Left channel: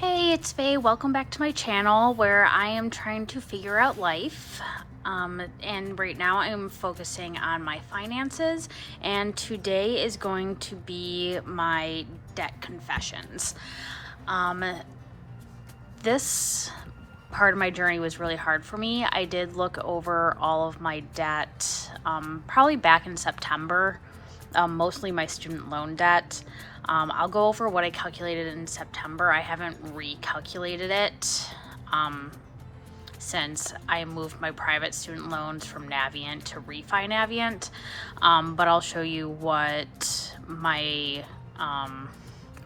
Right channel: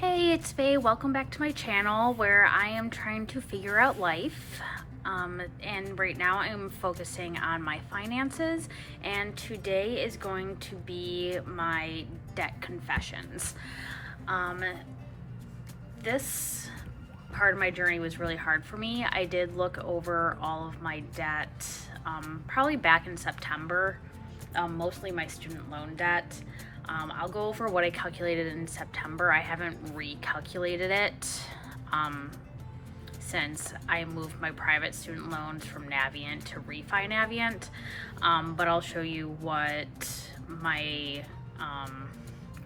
Hey, it's Faye. Welcome back to my channel where I am trying to figure out life. And right now I'm focusing on my finances, and today is going to be my debt confessions. This part of my journey was really hard for me. I did look over all of my debt probably back in September, mostly my student loan debt. I'll go over what I calculated in September. I haven't recalculated it since I moved my private student loans from Navient to Refi Navient, but I'll show you what my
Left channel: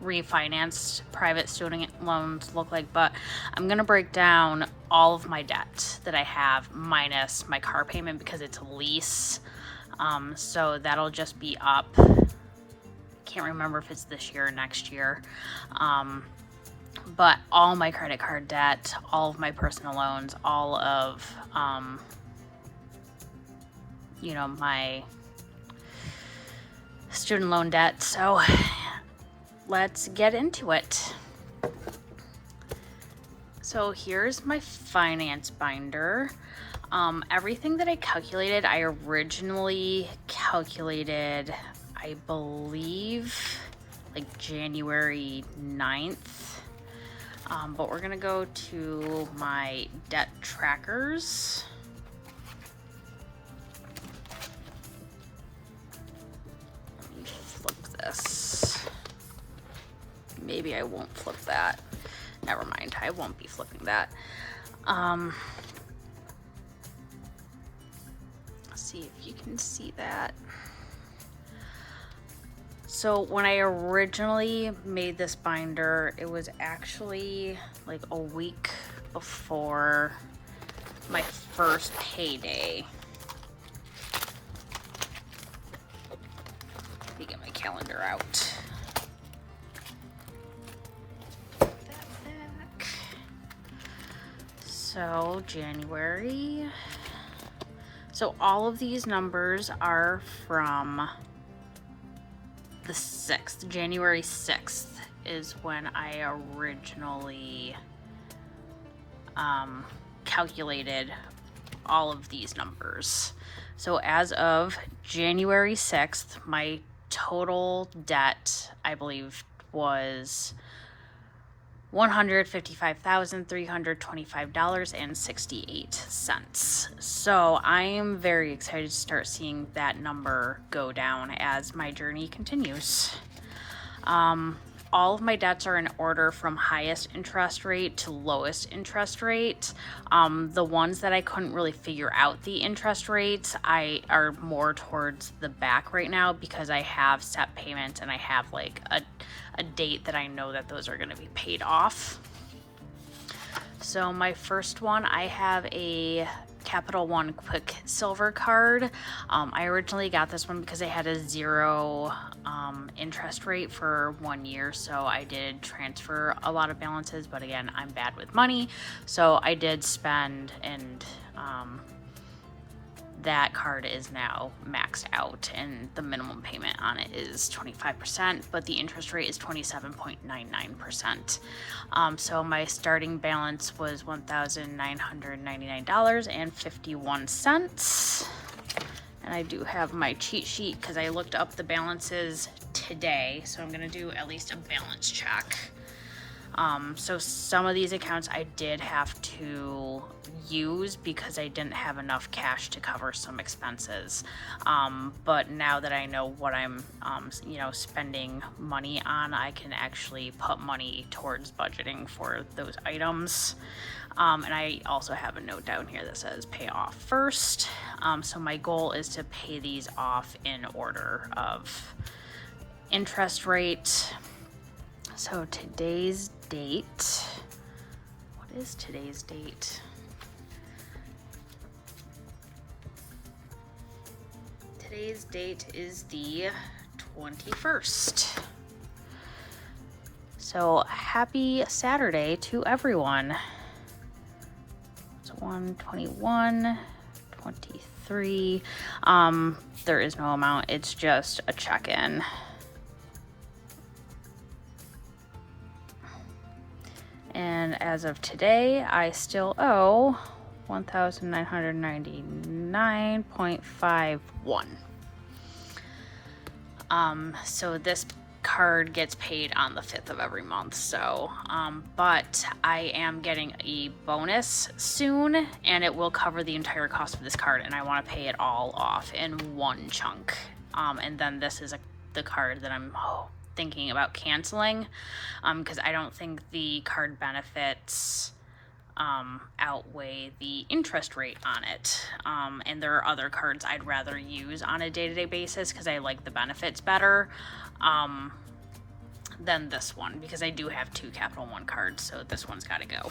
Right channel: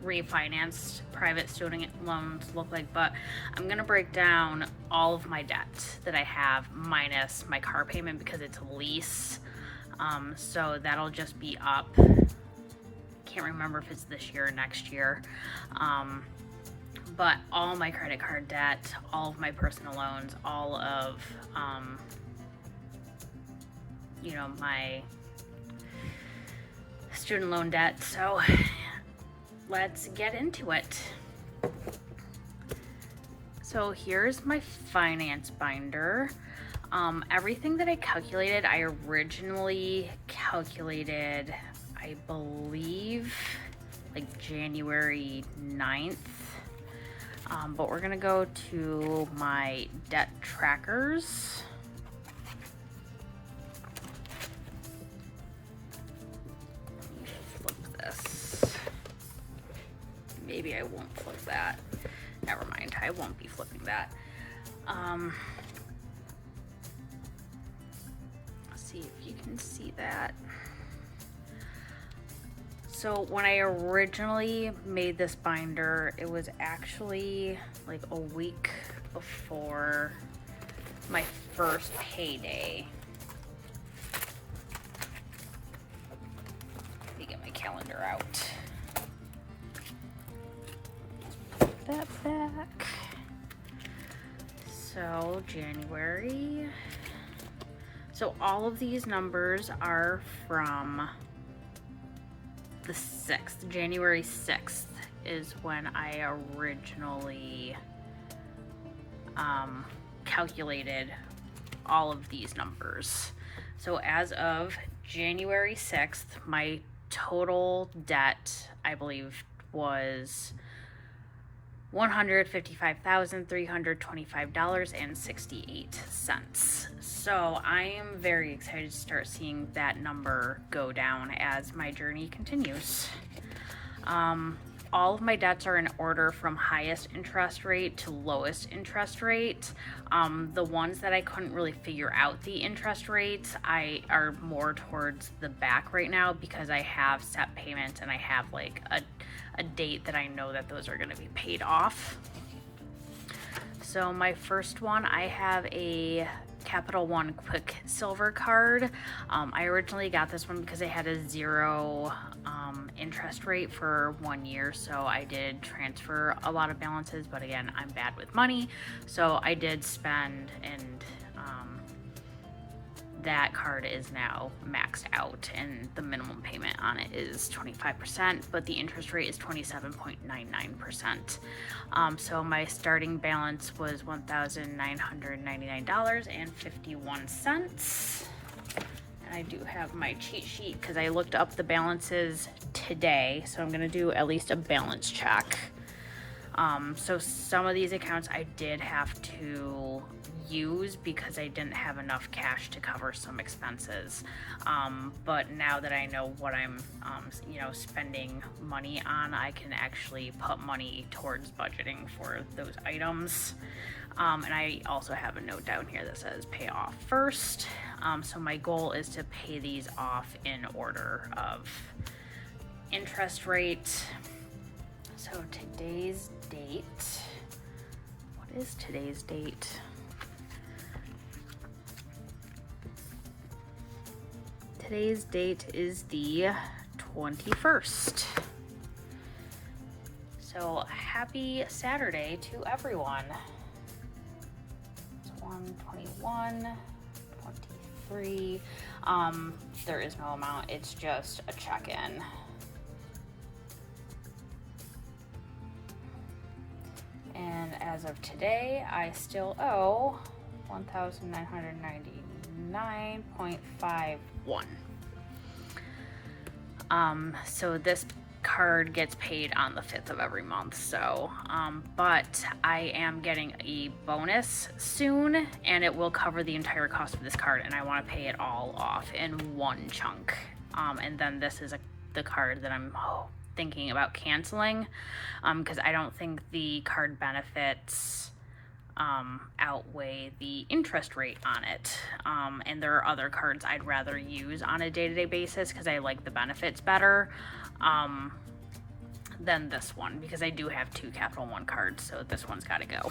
refinanced private student loans look like. But I'm gonna break down all of my debt that I have minus my car payment because it's a lease, so that'll just be up. Can't remember if it's this year or next year, but all my credit card debt, all of my personal loans, all of my student loan debt. So let's get into it. So here's my finance binder. Everything that I calculated, I originally calculated, I believe, like January 9th. But we're gonna go to my debt trackers. Let me flip this. Maybe I won't flip that. Never mind, I won't be flipping that. Let's see if you can see that. So when I originally made this binder, it was actually like a week before my first payday. Let me get my calendar out. Put that back. So January. So all of these numbers are from the 6th, January 6th is when I originally calculated all of these numbers. So as of January 6th, my total debt, I believe, was $155,325.68. So I am very excited to start seeing that number go down as my journey continues. All of my debts are in order from highest interest rate to lowest interest rate. The ones that I couldn't really figure out the interest rates, I are more towards the back right now because I have set payments and I have like a date that I know that those are going to be paid off. So my first one, I have a Capital One QuickSilver card. I originally got this one because I had a 0 interest rate for 1 year, so I did transfer a lot of balances, but again, I'm bad with money, so I did spend, and that card is now maxed out and the minimum payment on it is 25%, but the interest rate is 27.99%. So my starting balance was $1,999.51. And I do have my cheat sheet because I looked up the balances today, so I'm gonna do at least a balance check. So some of these accounts I did have to use because I didn't have enough cash to cover some expenses. But now that I know what I'm, spending money on, I can actually put money towards budgeting for those items. And I also have a note down here that says pay off first. So my goal is to pay these off in order of interest rate. So today's date, what is today's date? Today's date is the 21st. So happy Saturday to everyone. It's 1/21, 23. There is no amount, it's just a check-in. And as of today, I still owe $1,999.51. So this card gets paid on the 5th of every month. So, but I am getting a bonus soon, and it will cover the entire cost of this card, and I want to pay it all off in one chunk. And then this is the card that I'm thinking about canceling, because I don't think the card benefits outweigh the interest rate on it. And there are other cards I'd rather use on a day-to-day basis because I like the benefits better than this one, because I do have 2 Capital One cards, so this one's got to go.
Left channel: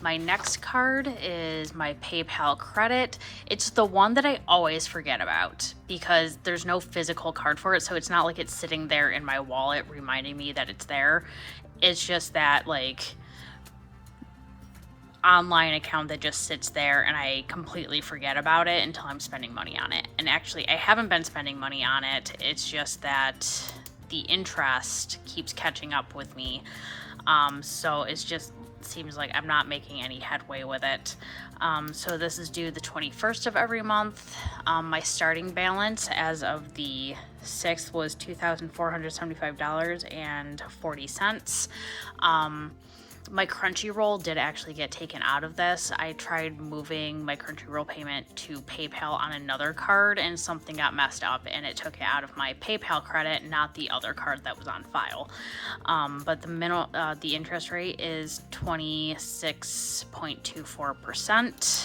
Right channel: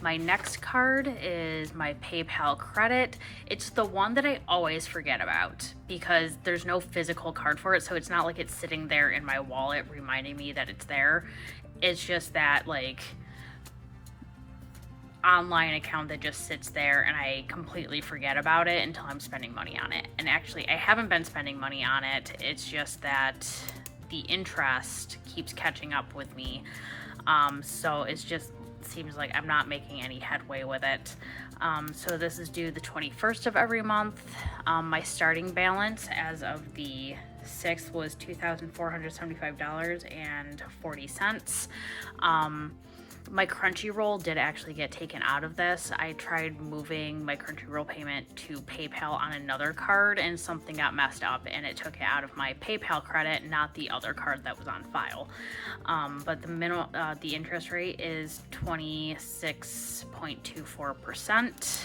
My next card is my PayPal credit. It's the one that I always forget about because there's no physical card for it, so it's not like it's sitting there in my wallet reminding me that it's there. It's just that like online account that just sits there, and I completely forget about it until I'm spending money on it. And actually, I haven't been spending money on it. It's just that the interest keeps catching up with me. So it's just seems like I'm not making any headway with it. So this is due the 21st of every month. My starting balance as of the 6th was $2,475.40. My Crunchyroll did actually get taken out of this. I tried moving my Crunchyroll payment to PayPal on another card, and something got messed up, and it took it out of my PayPal credit, not the other card that was on file. But the interest rate is 26.24%.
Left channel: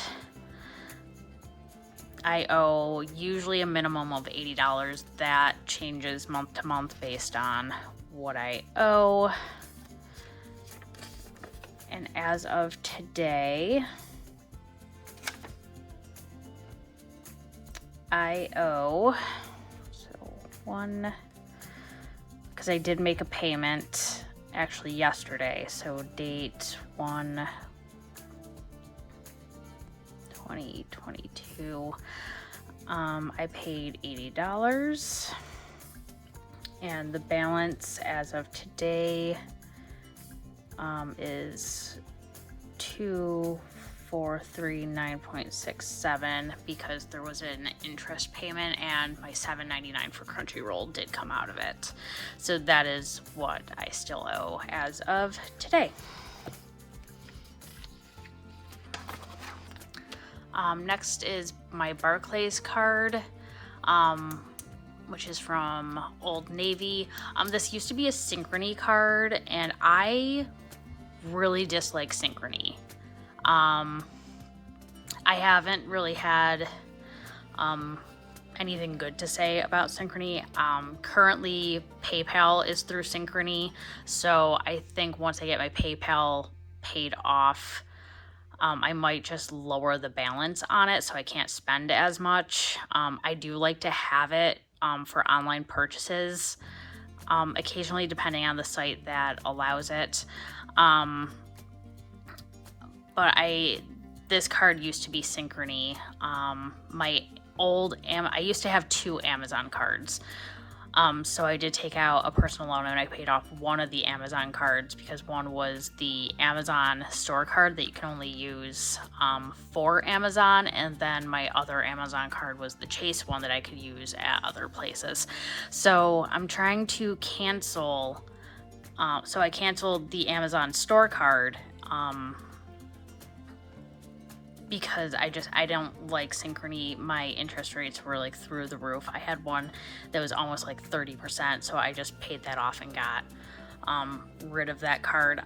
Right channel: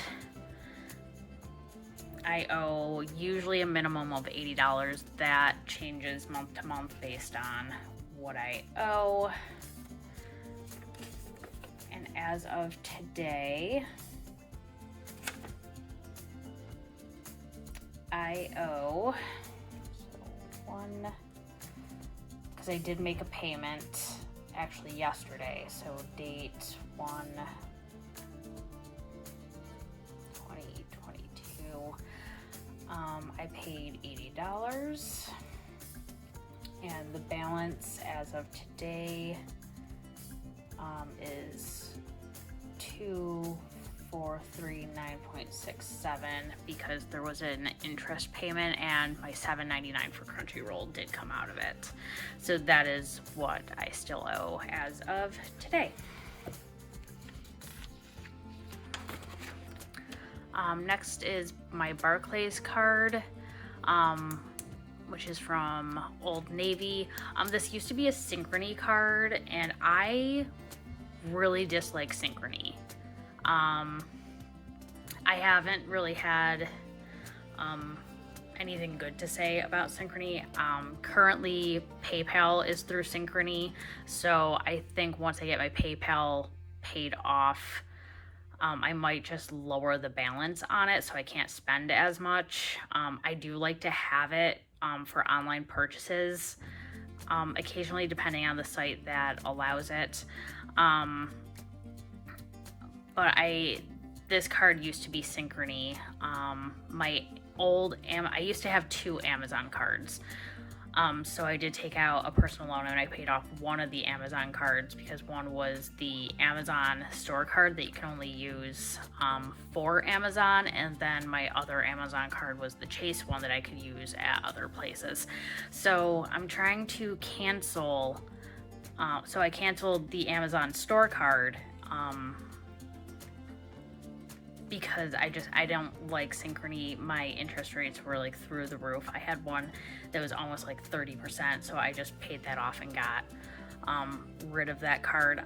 I owe usually a minimum of $80. That changes month to month based on what I owe. And as of today, I owe, because I did make a payment actually yesterday, so date 1/20/22, I paid $80, and the balance as of today is 2439.67 because there was an interest payment, and my $7.99 for Crunchyroll did come out of it. So that is what I still owe as of today. Next is my Barclays card, which is from Old Navy. This used to be a Synchrony card, and I really dislike Synchrony. I haven't really had anything good to say about Synchrony. Currently, PayPal is through Synchrony, so I think once I get my PayPal paid off, I might just lower the balance on it so I can't spend as much. I do like to have it for online purchases, occasionally depending on the site that allows it. But this card used to be Synchrony. I used to have 2 Amazon cards. So I did take out a personal loan, and I paid off one of the Amazon cards because one was the Amazon store card that you can only use for Amazon, and then my other Amazon card was the Chase one that I could use at other places. So I'm trying to cancel. So I canceled the Amazon store card because I don't like Synchrony. My interest rates were like through the roof. I had one that was almost like 30%, so I just paid that off and got rid of that card.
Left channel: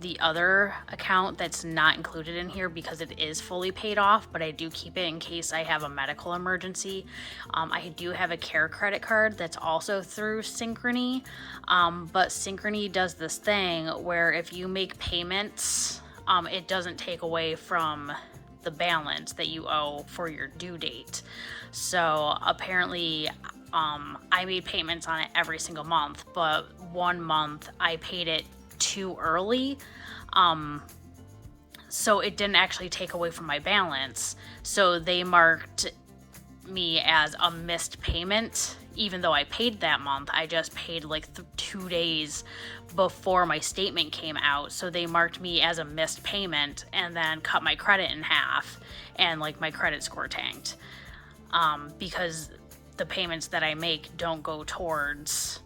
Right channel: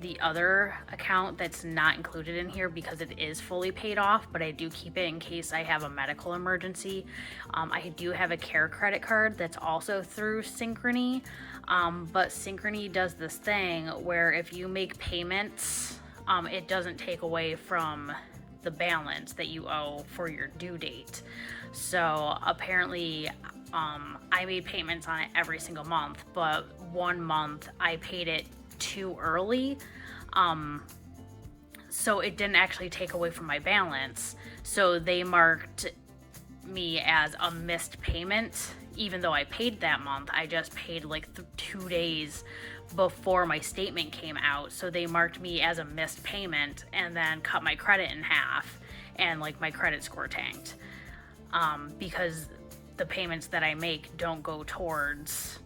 The other account that's not included in here because it is fully paid off, but I do keep it in case I have a medical emergency. I do have a care credit card that's also through Synchrony, but Synchrony does this thing where if you make payments, it doesn't take away from the balance that you owe for your due date. So apparently I made payments on it every single month, but one month I paid it too early, so it didn't actually take away from my balance. So they marked me as a missed payment, even though I paid that month. I just paid like 2 days before my statement came out, so they marked me as a missed payment and then cut my credit in half, and like my credit score tanked, because the payments that I make don't go towards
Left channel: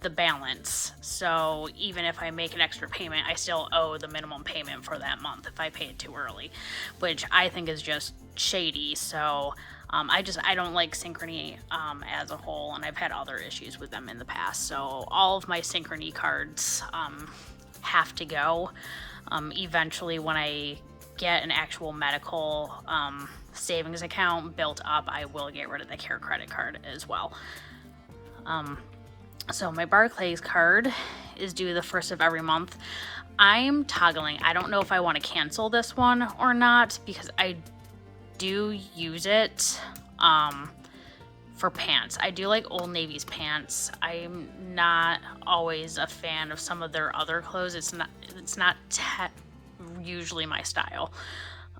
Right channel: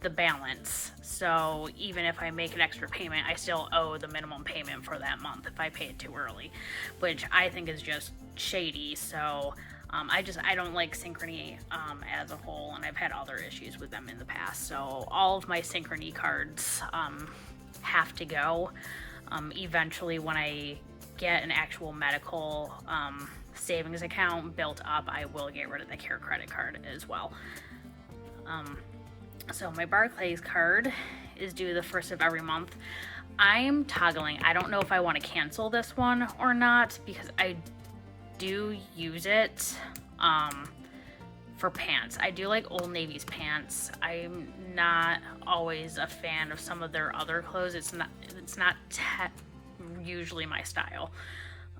the balance. So even if I make an extra payment, I still owe the minimum payment for that month if I pay it too early, which I think is just shady. So I don't like Synchrony as a whole, and I've had other issues with them in the past. So all of my Synchrony cards have to go. Eventually, when I get an actual medical savings account built up, I will get rid of the Care credit card as well. So my Barclays card is due the first of every month. I'm toggling. I don't know if I want to cancel this one or not, because I do use it for pants. I do like Old Navy's pants. I'm not always a fan of some of their other clothes. It's not usually my style.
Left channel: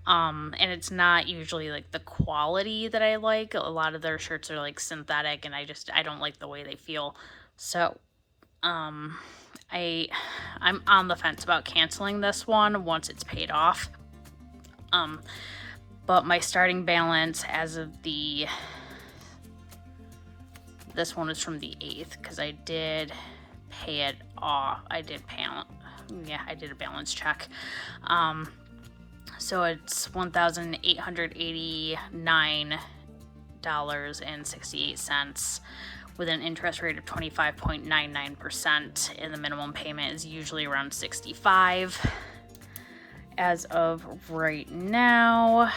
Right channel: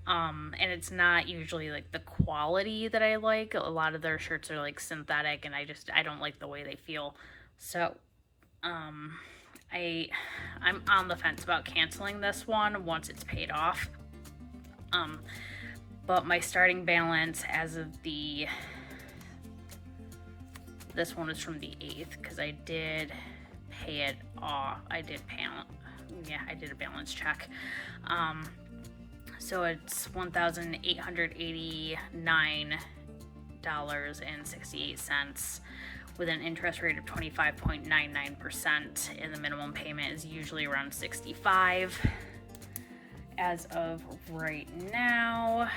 And it's not usually like the quality that I like. A lot of their shirts are like synthetic, and I don't like the way they feel. So I'm on the fence about canceling this one once it's paid off. But my starting balance as of this one is from the 8th, because I did pay it off. I did a balance check. So it's $1,889.68 with an interest rate of 25.99%, and the minimum payment is usually around $65. As of right now,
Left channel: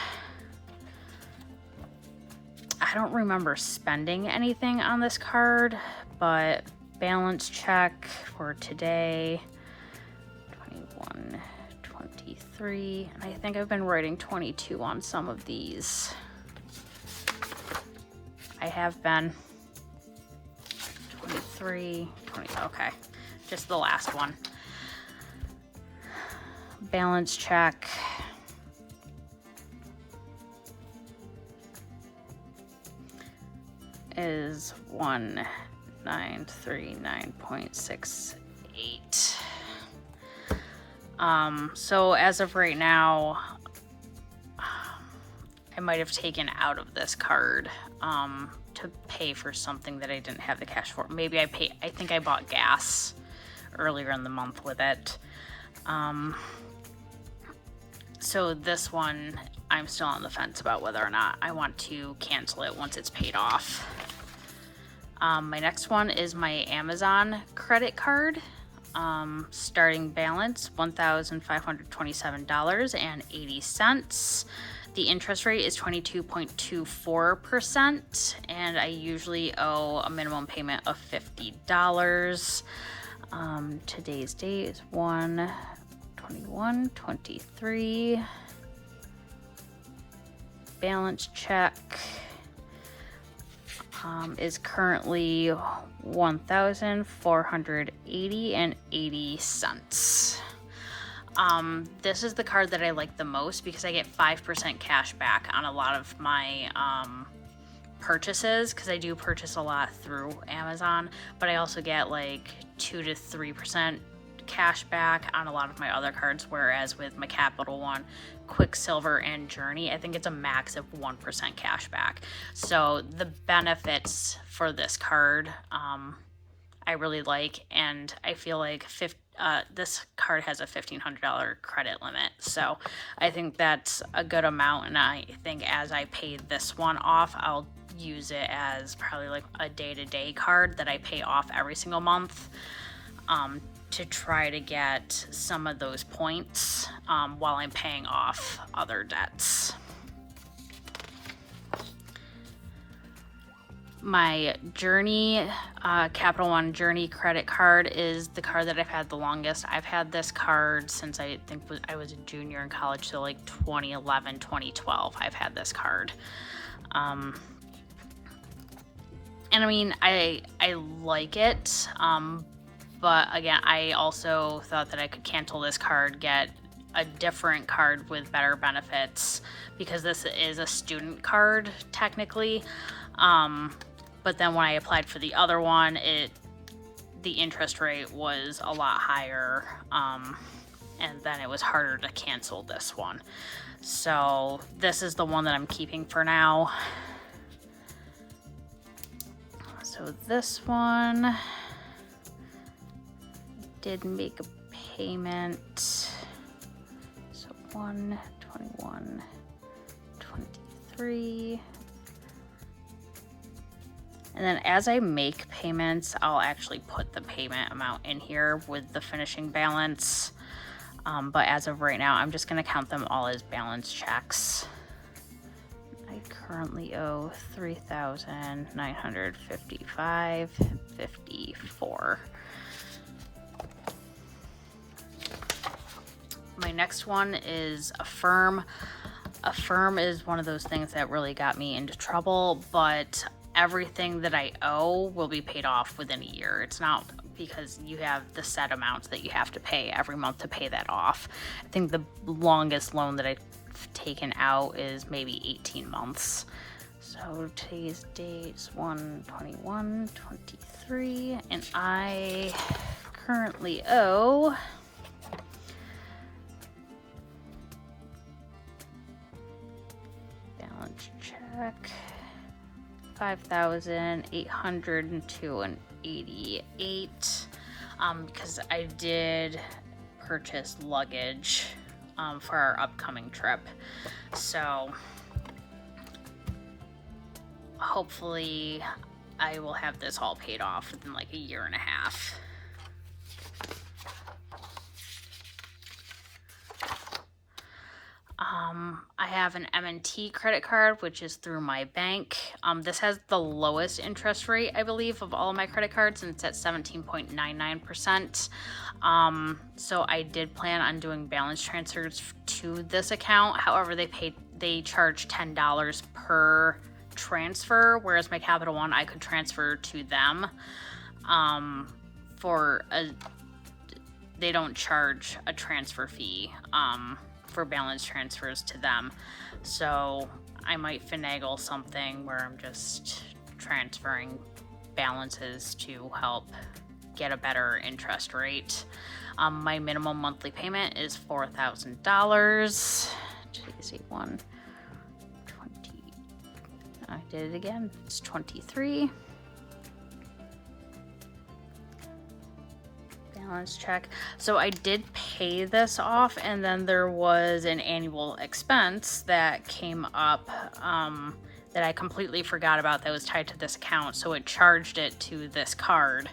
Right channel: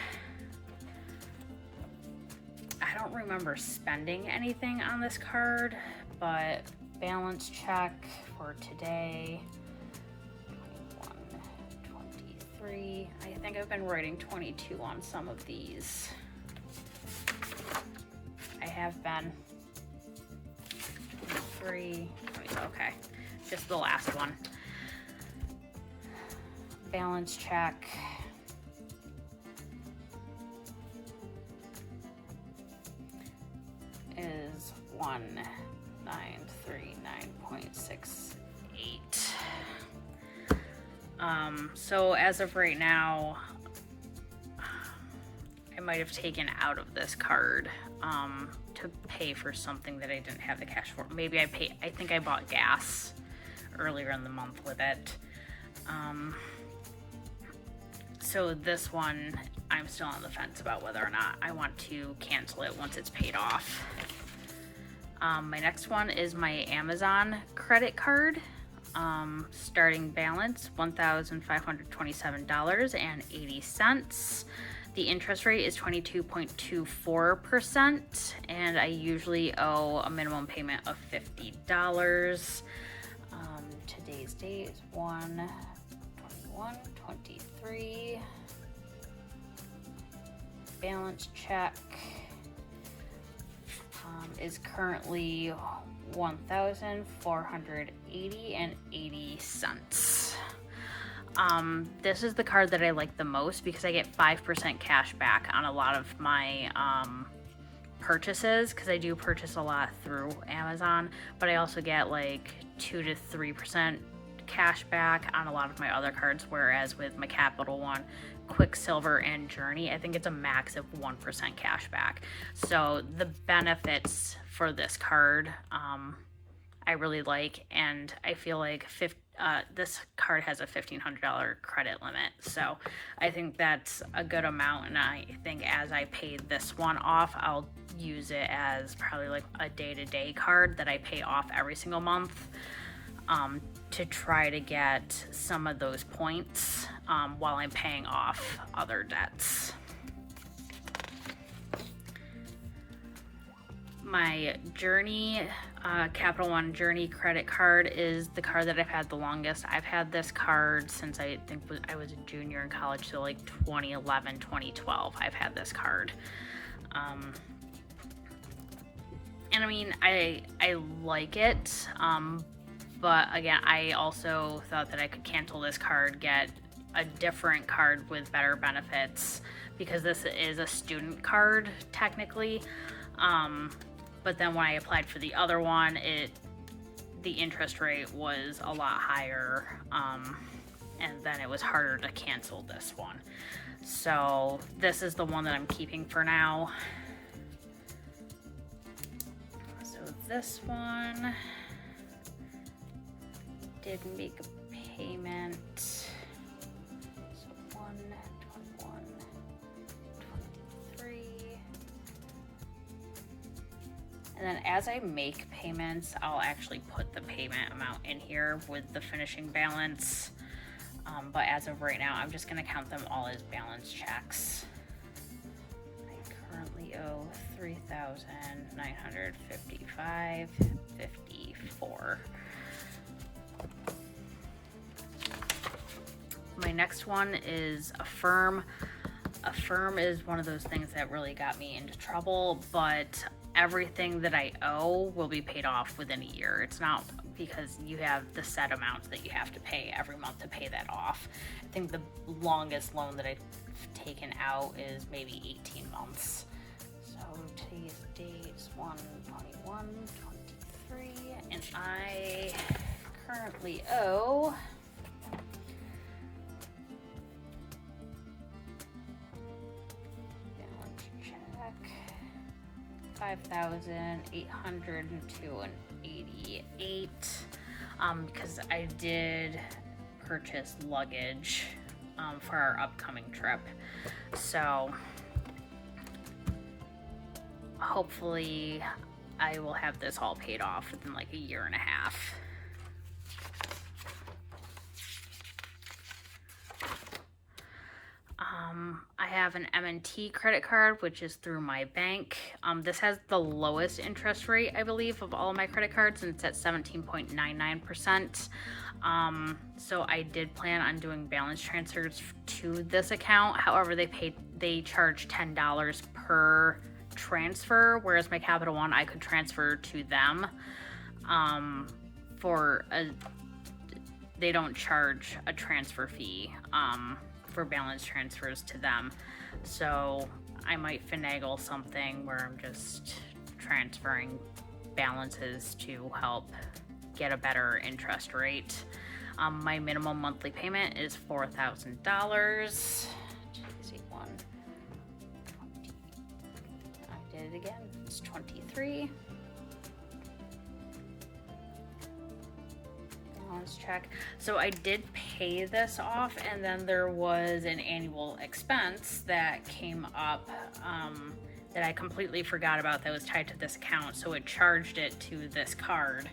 I don't remember spending anything on this card, but balance check for today, 21, 23. I think I've been writing 22 on some of these. I have been 23, 20, okay, just the last one. Balance check. Is 1939.68. So as of right now, I might have taken out of this card to pay for something that I didn't have the cash for. Maybe I think I bought gas earlier in the month with it. So this one, I'm still on the fence about whether or not I want to cancel it once it's paid off. My next one is my Amazon credit card. Starting balance, $1,527.80. The interest rate is 22.24%, and I usually owe a minimum payment of $50. Today's date is 1/21/23. Balance check is currently $1,480.80. This is the card that I like the most because I get 5% cash back on a lot of my purchases, because I do purchase a lot through Amazon, but I also get like 2 to 3% cash back on a lot of my other cards, whereas with my Capital One, QuickSilver, and Journey, I think it's a max of 1% cash back. So the benefits for this card I really like, and I feel like this card has a $1,500 credit limit, so I think that's a good amount, and I think as I pay this one off, I'll use it as probably like a day-to-day card that I pay off every single month, to try to get some of those points while I'm paying off other debts. My Journey, Capital One Journey credit card is the card that I've had the longest. I've had this card since I think I was a junior in college, so like 2011, 2012, I've had this card. And I mean, I like it, but again, I also thought that I could cancel this card, get a different card with better benefits, because this is a student card technically. But then when I applied for the other one, the interest rate was a lot higher, and then it was harder to cancel this one. So this is the one that I'm keeping for now. So this one did make a payment. So 1, 21, 23. And then as I make payments, I'll actually put the payment amount in here with the finishing balance. But as of right now, I'm just going to count them all as balance checks. I currently owe $3,955.54. My next one is Affirm. Affirm is one of those things that really got me into trouble, but everything that I owe will be paid off within a year. It's not because you have the set amounts that you have to pay every month to pay that off. I think the longest loan that I've taken out is maybe 18 months. So today's date's 1/21/23, and I currently owe balance check $5,802.88, because I did purchase luggage for our upcoming trip. So hopefully I will have this all paid off within like a year and a half. I have an M&T credit card, which is through my bank. This has the lowest interest rate, I believe, of all of my credit cards, and it's at 17.99%. So I did plan on doing balance transfers to this account. However, they charge $10 per transfer, whereas my Capital One, I could transfer to them they don't charge a transfer fee for balance transfers to them. So I might finagle something where I'm just transferring balances to help get a better interest rate. My minimum monthly payment is $4,000. Today's 1/20. I did it again. It's 23. Balance check. So I did pay this off, and then there was an annual expense that came up that I completely forgot about that was tied to this account. So it charged it to this card,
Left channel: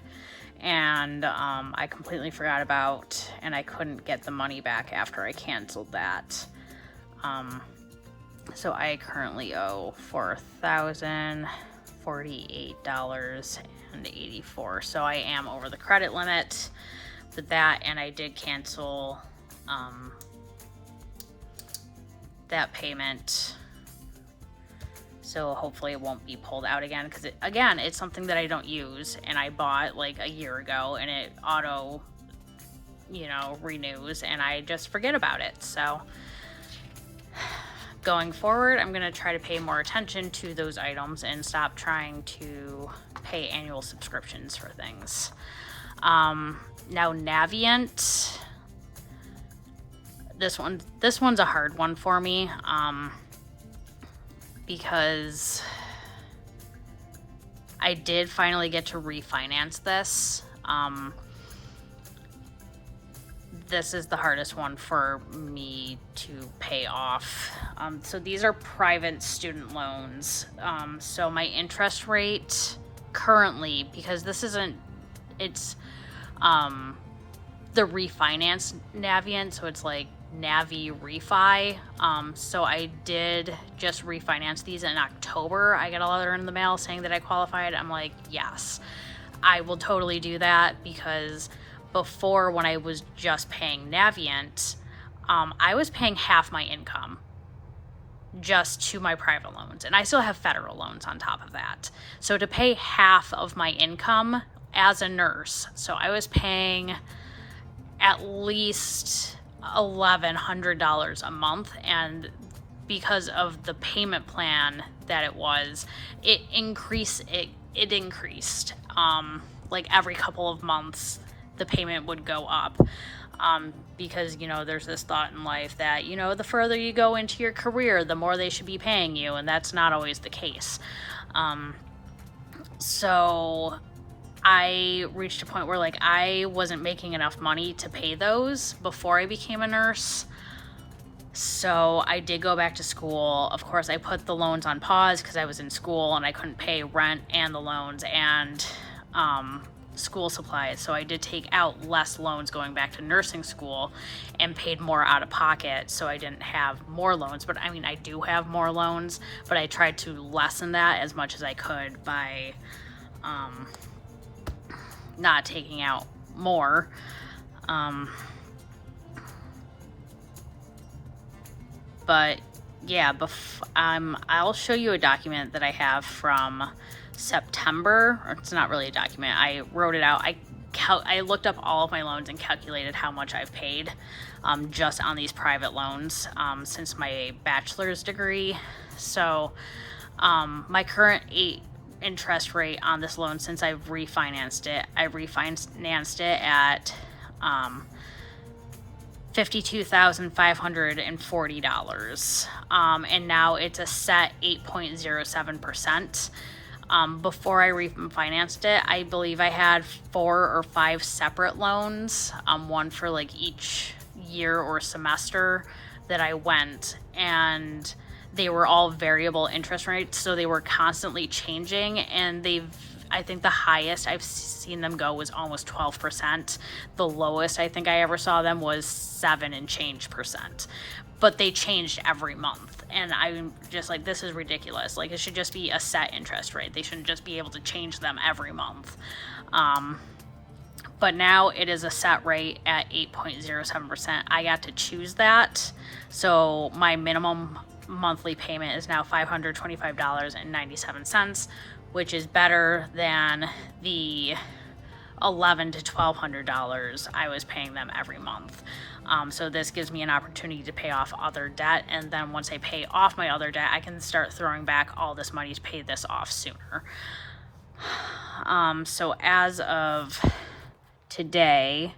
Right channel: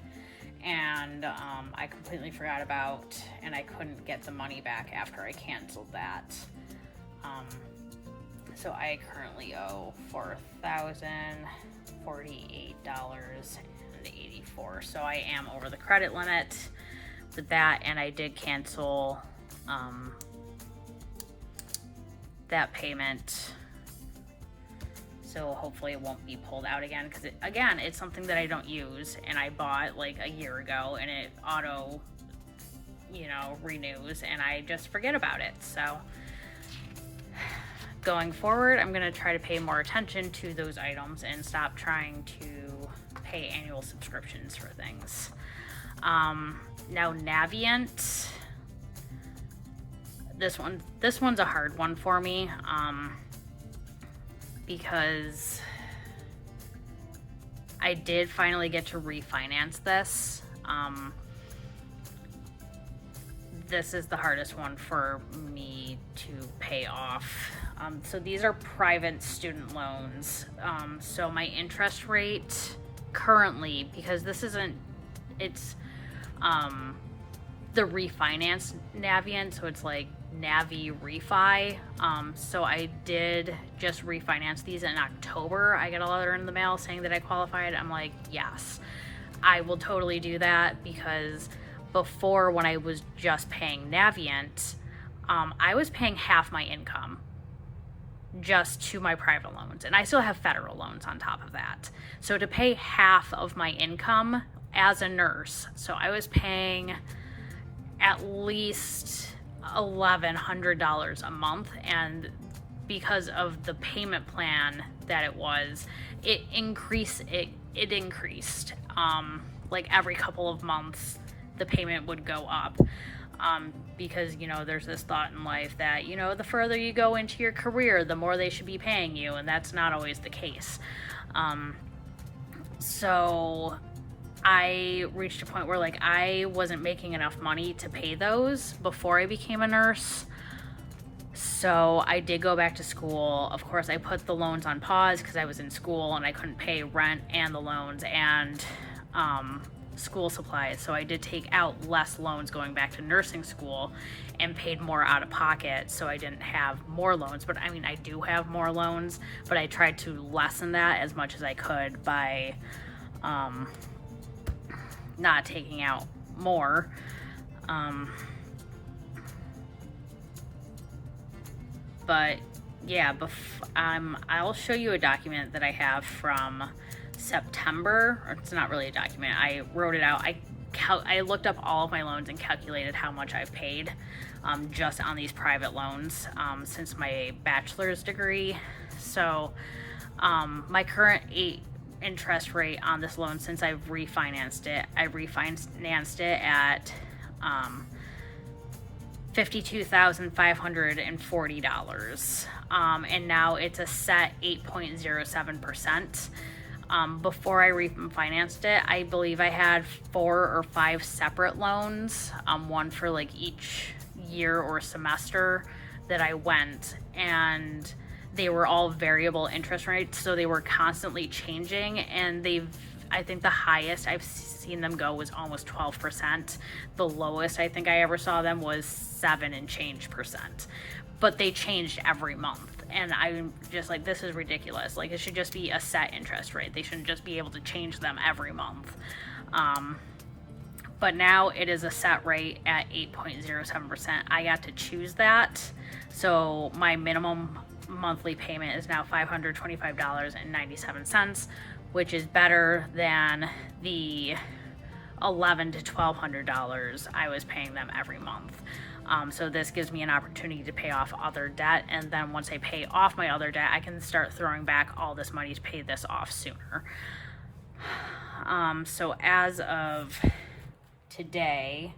and I completely forgot about, and I couldn't get the money back after I canceled that. So I currently owe $4,048.84. So I am over the credit limit with that, and I did cancel that payment. So hopefully it won't be pulled out again, because it's something that I don't use, and I bought like a year ago, and it auto, renews, and I just forget about it. So going forward, I'm going to try to pay more attention to those items and stop trying to pay annual subscriptions for things. Now Navient, this one's a hard one for me, because I did finally get to refinance this. This is the hardest one for me to pay off. So these are private student loans. So my interest rate currently, because it's the refinance Navient, so it's like Navi refi. So I did just refinance these in October. I got a letter in the mail saying that I qualified. I'm like, yes, I will totally do that, because before, when I was just paying Navient, I was paying half my income just to my private loans, and I still have federal loans on top of that. So to pay half of my income as a nurse, so I was paying at least $1,100 a month, and because of the payment plan that it increased. Like every couple of months, the payment would go up. Because, there's this thought in life that, the further you go into your career, the more they should be paying you, and that's not always the case. So I reached a point where, like, I wasn't making enough money to pay those before I became a nurse. So I did go back to school. Of course, I put the loans on pause because I was in school and I couldn't pay rent and the loans and school supplies. So I did take out less loans going back to nursing school and paid more out of pocket, so I didn't have more loans. But I mean, I do have more loans, but I tried to lessen that as much as I could by not taking out more. But yeah, I'll show you a document that I have from September. Or it's not really a document. I wrote it out. I looked up all of my loans and calculated how much I've paid just on these private loans since my bachelor's degree. So my current interest rate on this loan since I've refinanced it, at $52,540. And now it's a set 8.07%. Before I refinanced it, I believe I had 4 or 5 separate loans, one for like each year or semester that I went, and they were all variable interest rates, so they were constantly changing, and I think the highest I've seen them go was almost 12%. The lowest I think I ever saw them was 7 and change percent. But they changed every month, and I'm just like, this is ridiculous. Like, it should just be a set interest rate. They shouldn't just be able to change them every month. But now it is a set rate at 8.07%. I got to choose that, so my minimum monthly payment is now $525.97, which is better than the $1,100 to $1,200 I was paying them every month. So this gives me an opportunity to pay off other debt, and then once I pay off my other debt, I can start throwing back all this money to pay this off sooner. So as of today,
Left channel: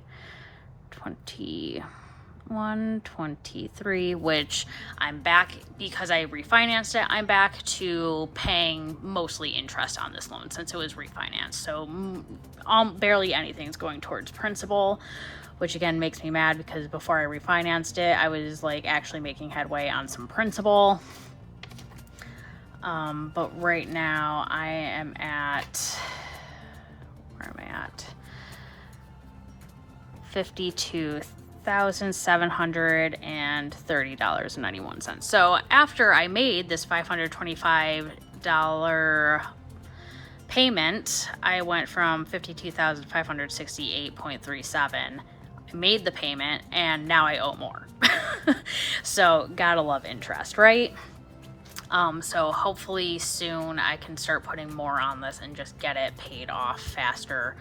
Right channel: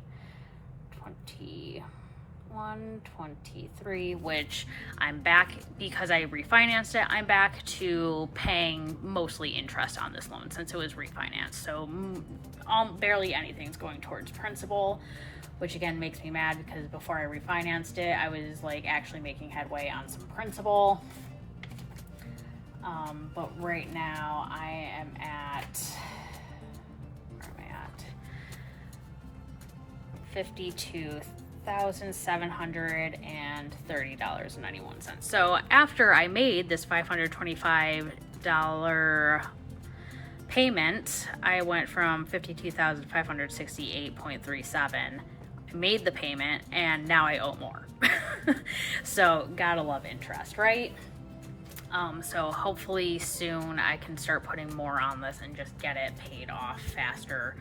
21, 23, which I'm back because I refinanced it. I'm back to paying mostly interest on this loan since it was refinanced. So barely anything's going towards principal, which again makes me mad because before I refinanced it, I was like actually making headway on some principal. But right now I am at, where am I at? $52,730.91. So after I made this $525 payment, I went from $52,568.37. I made the payment, and now I owe more. So gotta love interest, right? So hopefully soon I can start putting more on this and just get it paid off faster.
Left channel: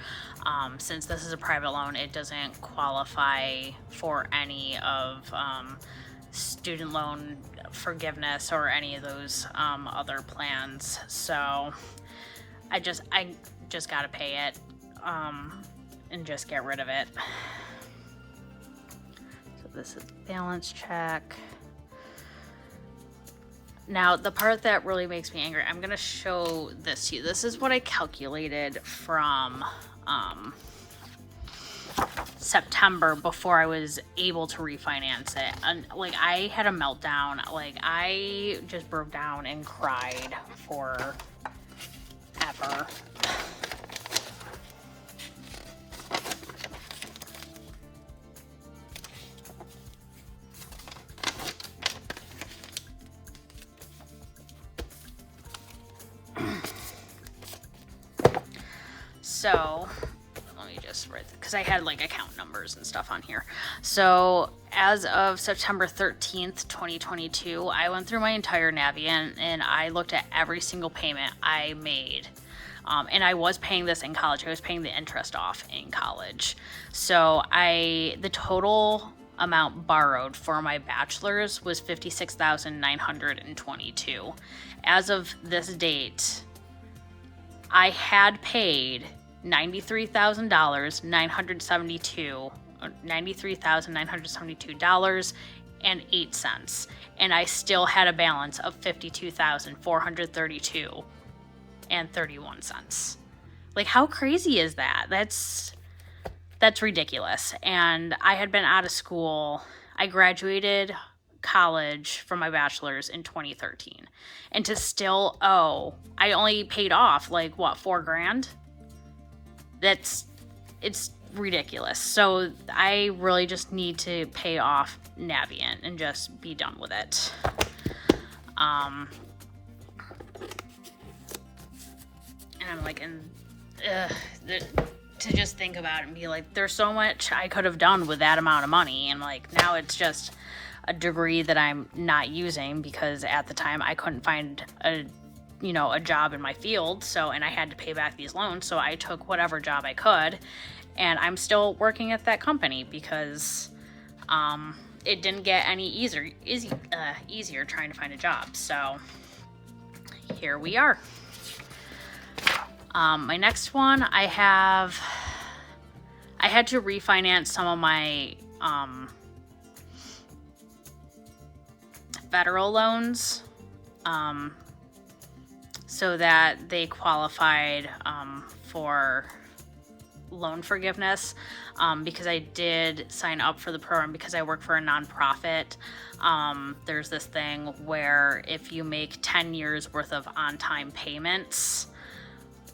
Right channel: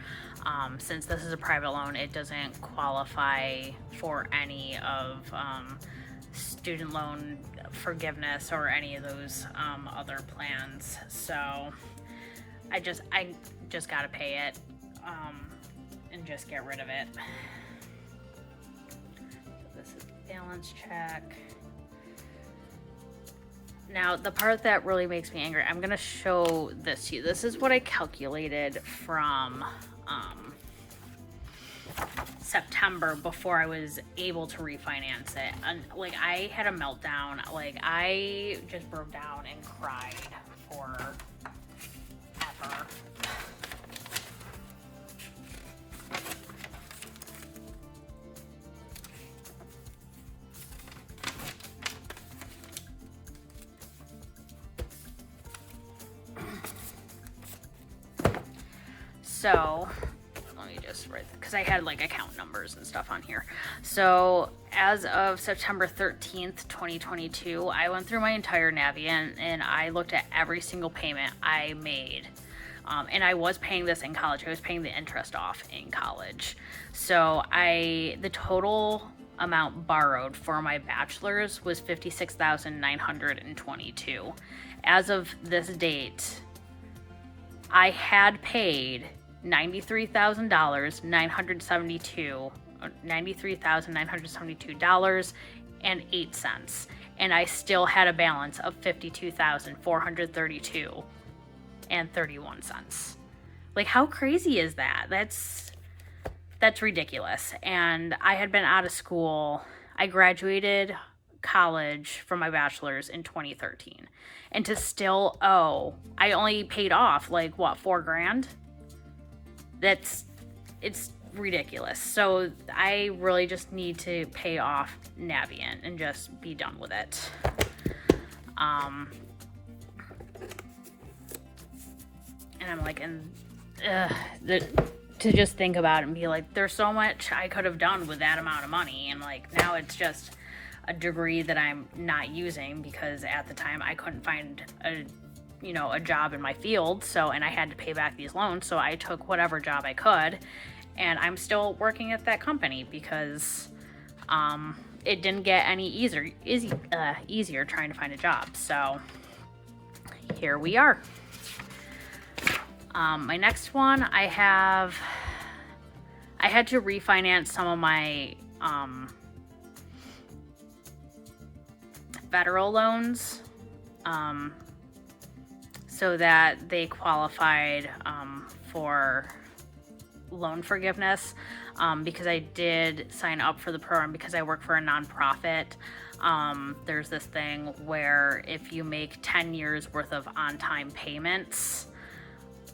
Since this is a private loan, it doesn't qualify for any of student loan forgiveness or any of those other plans. So I just gotta pay it and just get rid of it. So this is balance check. Now, the part that really makes me angry, I'm going to show this to you. This is what I calculated from September before I was able to refinance it. And, like, I had a meltdown. Like, I just broke down and cried forever. So let me just write that because I had like account numbers and stuff on here. So as of September 13th, 2022, I went through my entire Navient and I looked at every single payment I made. And I was paying this in college. I was paying the interest off in college. So the total amount borrowed for my bachelor's was $56,922. As of this date, I had paid $93,972.08, and I still had a balance of $52,432.31. Like, how crazy is that? That's ridiculous. And I had been out of school. I graduated college from my bachelor's in 2013. And to still owe, I only paid off like what, $4,000? It's ridiculous. So I really just need to pay off Navient and just be done with it. And I'm like, to just think about it and be like, there's so much I could have done with that amount of money, and like now it's just a degree that I'm not using because at the time I couldn't find a job in my field, and I had to pay back these loans, so I took whatever job I could, and I'm still working at that company because it didn't get any easier trying to find a job. So here we are. My next one, I had to refinance some of my federal loans so that they qualified for loan forgiveness, because I did sign up for the program because I work for a nonprofit. There's this thing where if you make 10 years worth of on-time payments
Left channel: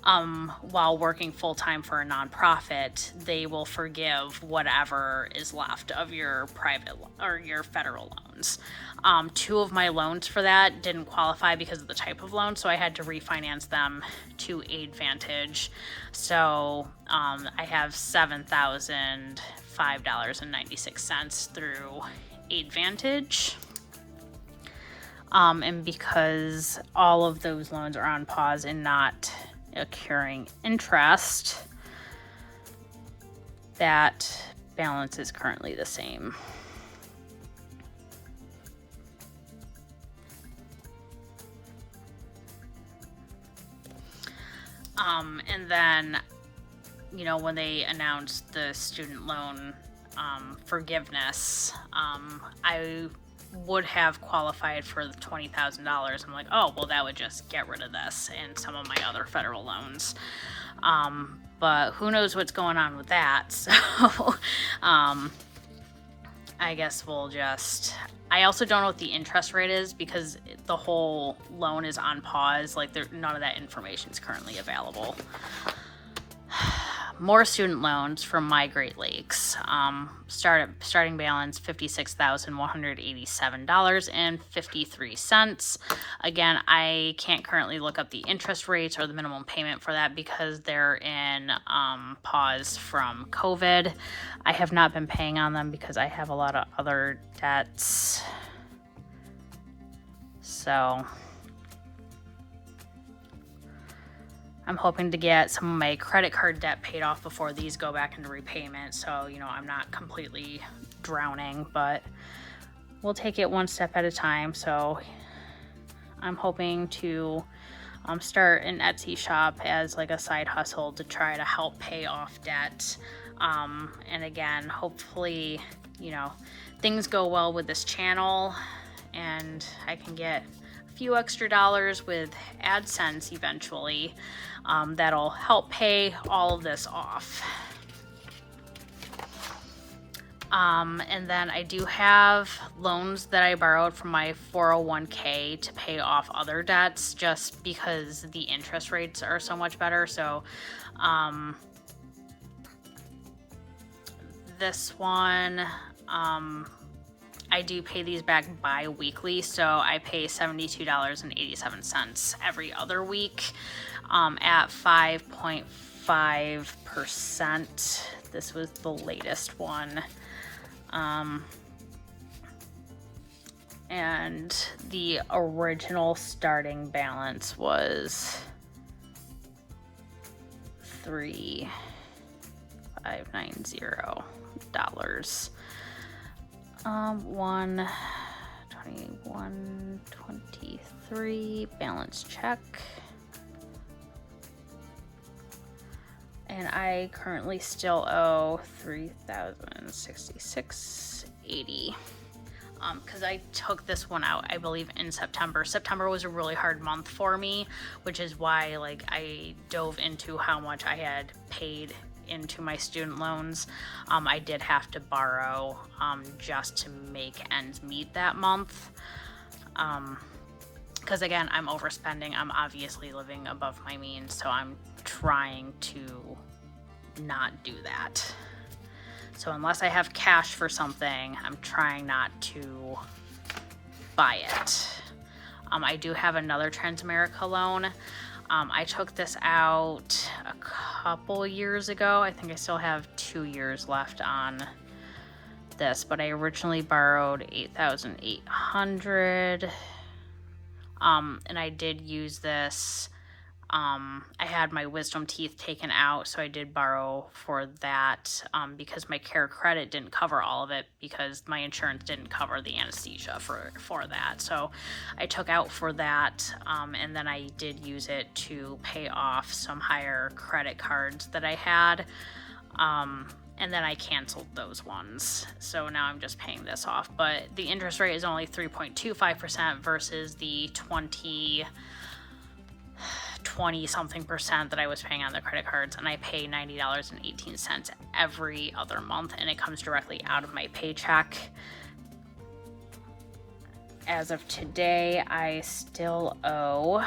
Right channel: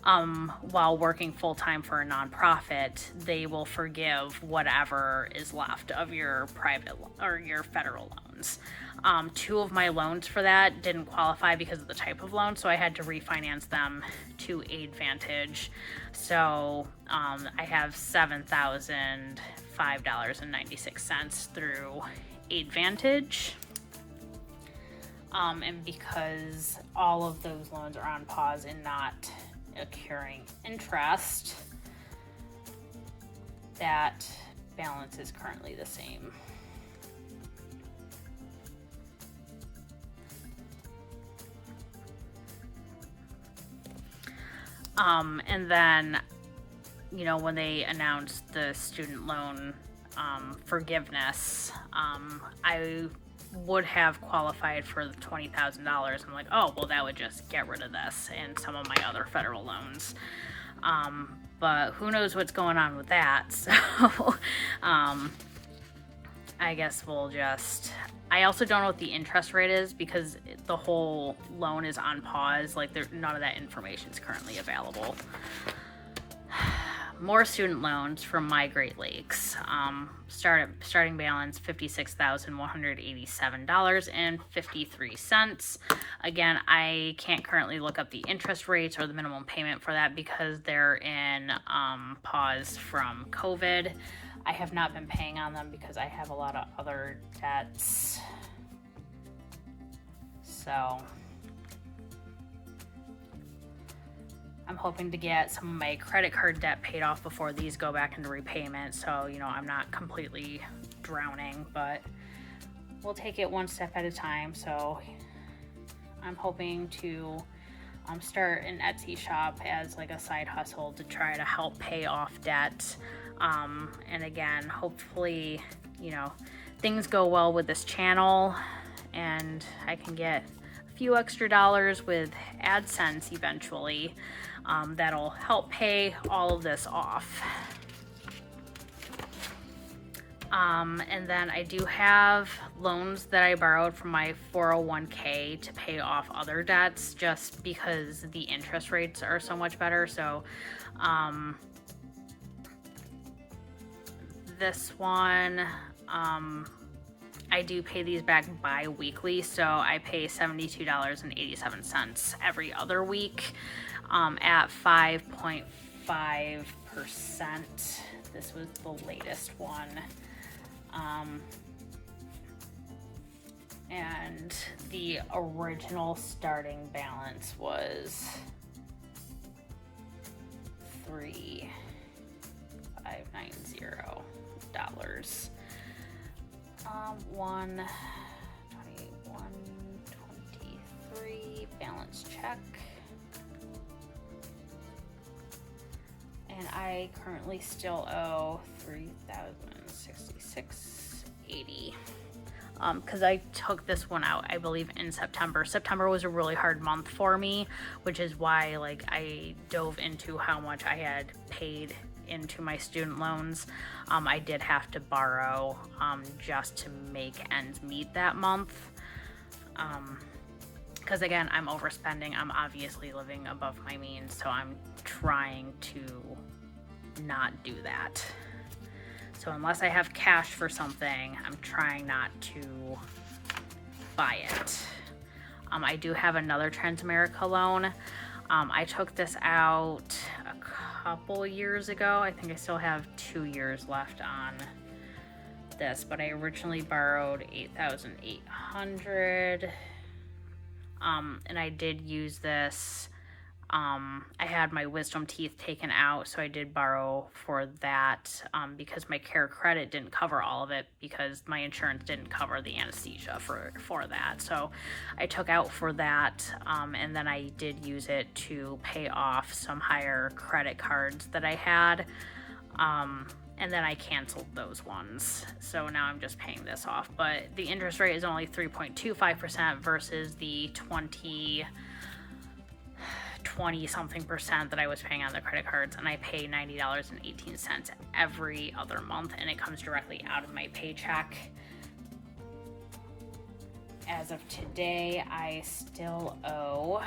while working full-time for a nonprofit, they will forgive whatever is left of your private or your federal loans. 2 of my loans for that didn't qualify because of the type of loan, so I had to refinance them to AidVantage. So I have $7,005.96 through AidVantage. And because all of those loans are on pause and not accruing interest, that balance is currently the same. And then, when they announced the student loan forgiveness, I would have qualified for the $20,000. I'm like, oh, well, that would just get rid of this and some of my other federal loans. But who knows what's going on with that. So I guess I also don't know what the interest rate is because the whole loan is on pause. Like, none of that information is currently available. More student loans from My Great Lakes. Starting balance $56,187.53. Again, I can't currently look up the interest rates or the minimum payment for that because they're in pause from COVID. I have not been paying on them because I have a lot of other debts. So I'm hoping to get some of my credit card debt paid off before these go back into repayment. So, I'm not completely drowning, but we'll take it one step at a time. So I'm hoping to start an Etsy shop as like a side hustle to try to help pay off debt. And again, hopefully, things go well with this channel and I can get a few extra dollars with AdSense eventually. That'll help pay all of this off. And then I do have loans that I borrowed from my 401k to pay off other debts just because the interest rates are so much better. So this one, I do pay these back bi-weekly, so I pay $72.87 every other week at 5.5%. This was the latest one. And the original starting balance was $3,590. 121.23 balance check. And I currently still owe $3,066.80. Because I took this one out, I believe, in September. September was a really hard month for me, which is why like I dove into how much I had paid into my student loans. I did have to borrow just to make ends meet that month. Because again, I'm overspending. I'm obviously living above my means, so I'm trying to not do that. So unless I have cash for something, I'm trying not to buy it. I do have another Transamerica loan. I took this out a couple years ago. I think I still have 2 years left on this, but I originally borrowed $8,800. And I did use this. I had my wisdom teeth taken out, so I did borrow for that because my care credit didn't cover all of it because my insurance didn't cover the anesthesia for that. So I took out for that, and then I did use it to pay off some higher credit cards that I had. And then I canceled those ones. So now I'm just paying this off. But the interest rate is only 3.25% versus the 20 something percent that I was paying on the credit cards, and I pay $90.18 every other month, and it comes directly out of my paycheck. As of today, I still owe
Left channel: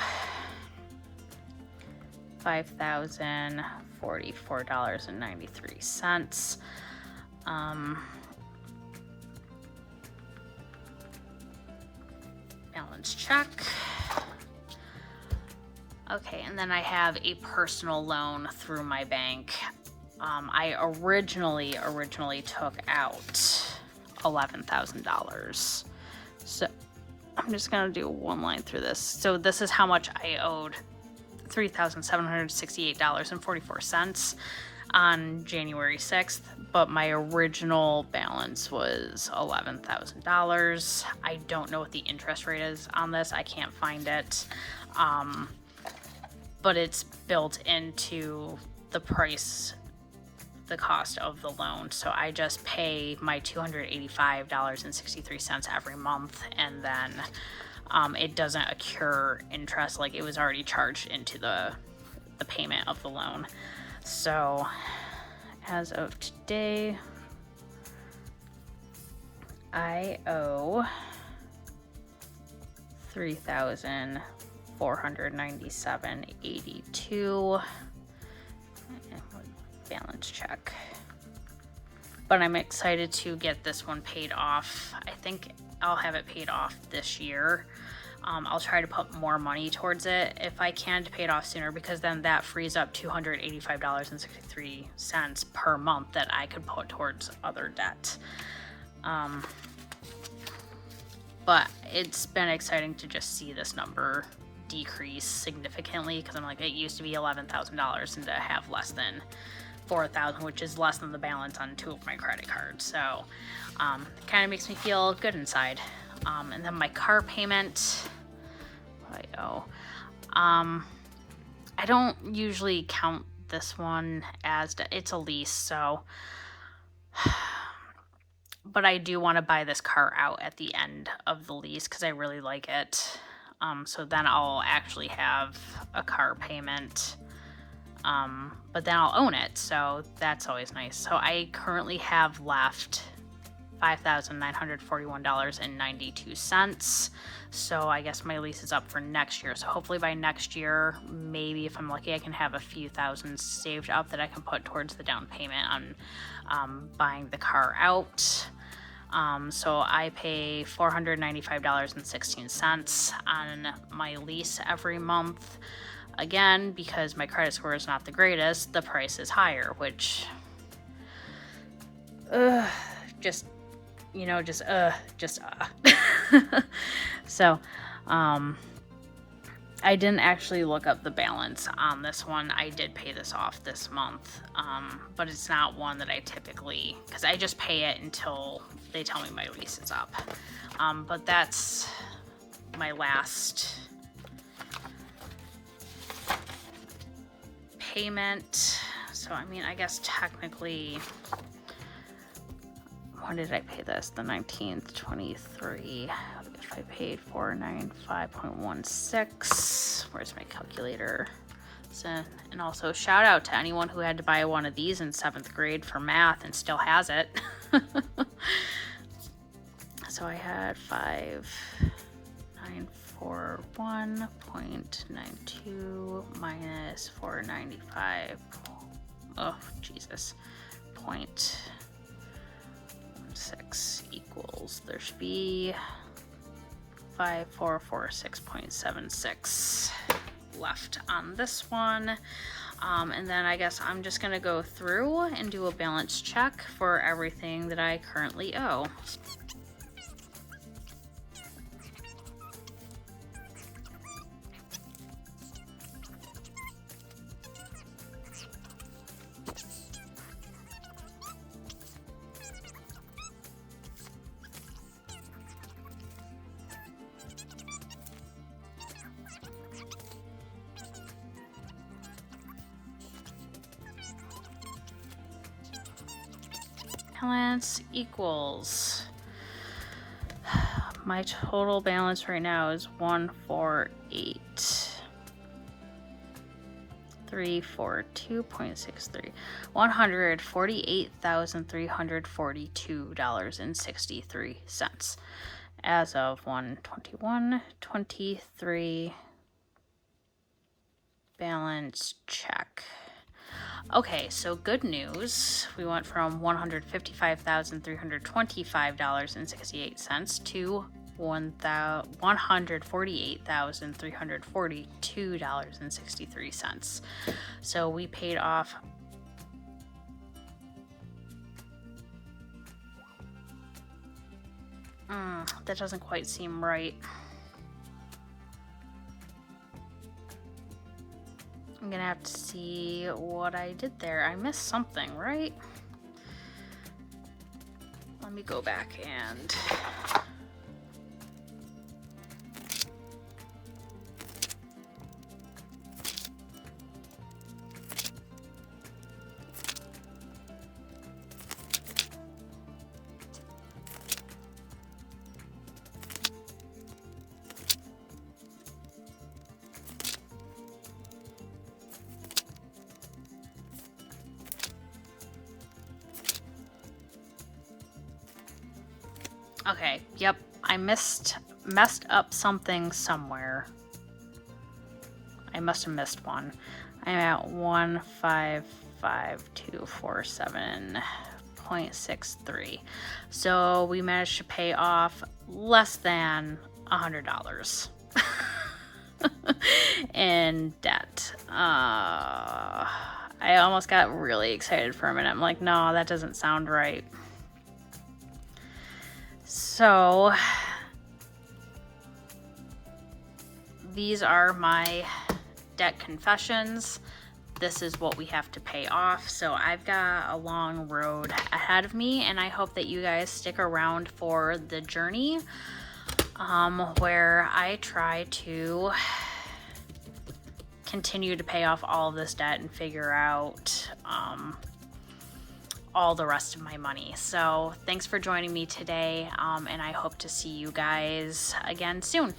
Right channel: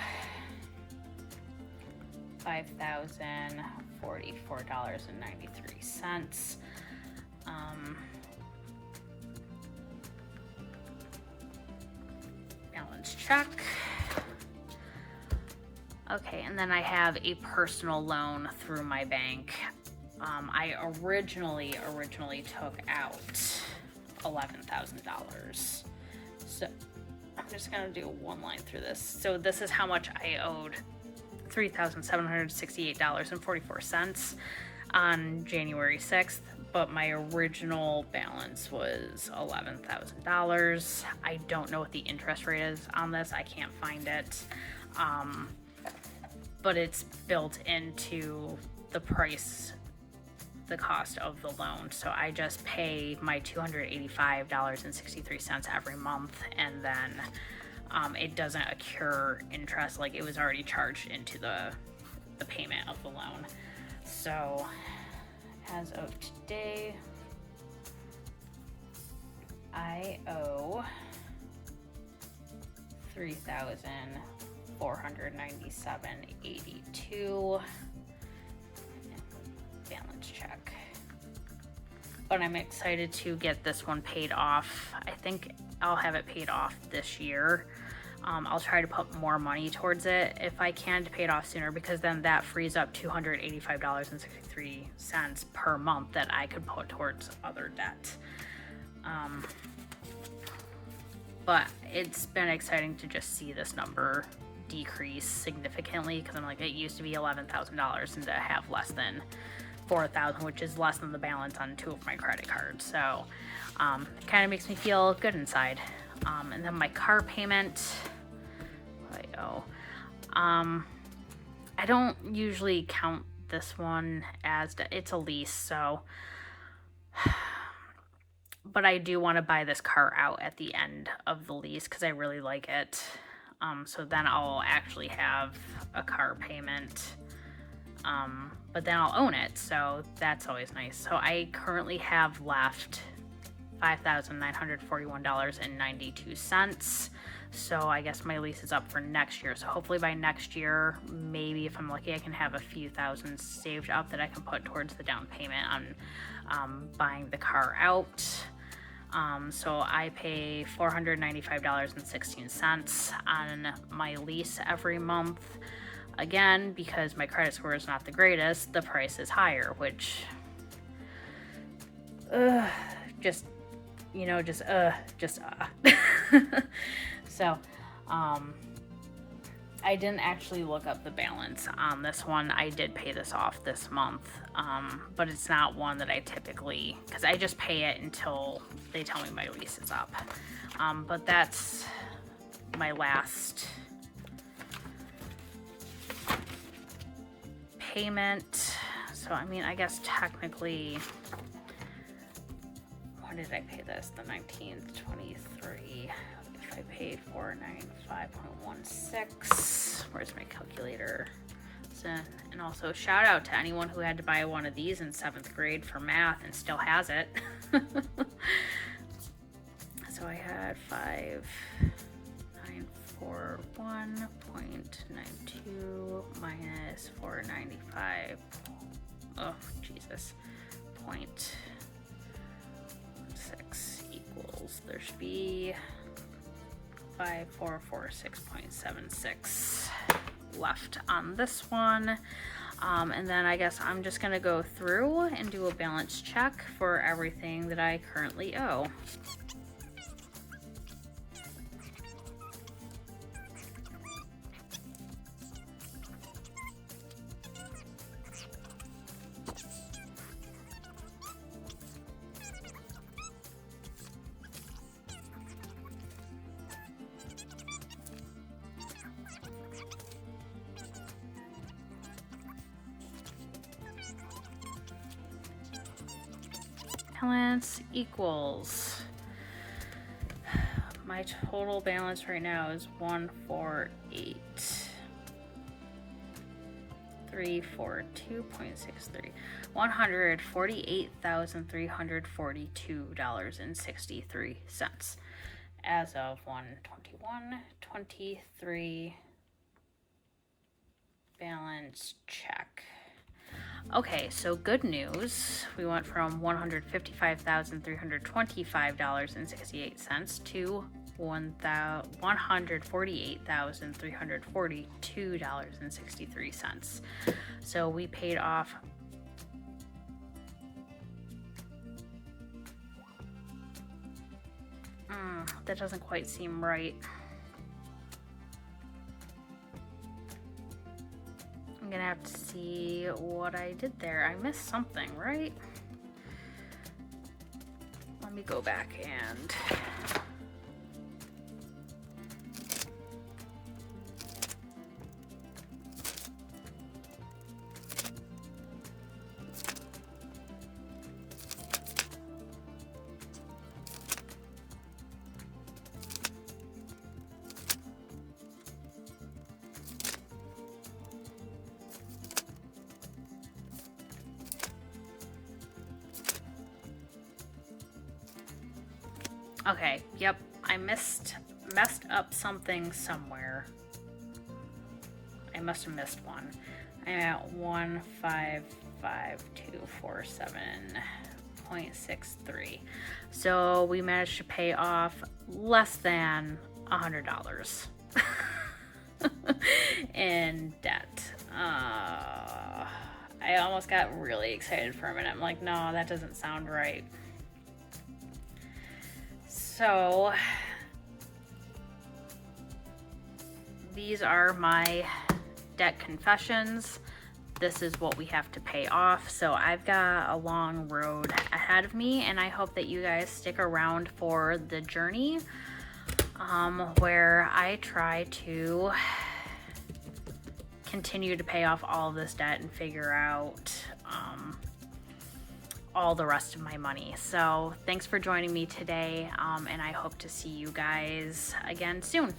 $5,044.93. Balance check. Okay, and then I have a personal loan through my bank. I originally took out $11,000. So I'm just gonna do one line through this. So this is how much I owed: $3,768.44 on January 6th, but my original balance was $11,000. I don't know what the interest rate is on this. I can't find it. But it's built into the price, the cost of the loan. So I just pay my $285.63 every month, and then it doesn't accrue interest, like it was already charged into the payment of the loan. So as of today, I owe $3,497.82. Balance check. But I'm excited to get this one paid off. I think I'll have it paid off this year. I'll try to put more money towards it if I can to pay it off sooner, because then that frees up $285.63 per month that I could put towards other debt. But it's been exciting to just see this number decrease significantly, because I'm like, it used to be $11,000 and to have less than $4,000, which is less than the balance on 2 of my credit cards. So it kind of makes me feel good inside. And then my car payment, what I owe. I don't usually count this one as it's a lease, so but I do want to buy this car out at the end of the lease because I really like it. So then I'll actually have a car payment, but then I'll own it, so that's always nice. So I currently have left $5,941.92. So I guess my lease is up for next year. So hopefully by next year, maybe if I'm lucky, I can have a few thousand saved up that I can put towards the down payment on buying the car out. So I pay $495.16 on my lease every month. Again, because my credit score is not the greatest, the price is higher, which So, I didn't actually look up the balance on this one. I did pay this off this month, but it's not one that I typically, because I just pay it until they tell me my lease is up. But that's my last payment. So, I mean, I guess technically, when did I pay this? The 19th, 23. If I paid 495.16, where's my calculator? So, and also shout out to anyone who had to buy one of these in 7th grade for math and still has it. So I had 5941.92 minus 495. Oh, Jesus. 0.16 equals, there should be 5446.76 left on this one. And then I guess I'm just gonna go through and do a balance check for everything that I currently owe. Balance equals, my total balance right now is 148,342.63, $148,342.63 as of 1/21/23. Balance check. Okay, so good news. We went from $155,325.68 to $148,342.63. So we paid off that doesn't quite seem right. I'm gonna have to see what I did there. I missed something, right? Let me go back and okay, yep, I messed up something somewhere. I must have missed one. I'm at 155,247.63. So we managed to pay off less than $100 in debt. I almost got really excited for a minute. I'm like, no, that doesn't sound right. So these are my debt confessions. This is what we have to pay off. So I've got a long road ahead of me, and I hope that you guys stick around for the journey where I try to continue to pay off all of this debt and figure out all the rest of my money. So thanks for joining me today, and I hope to see you guys again soon.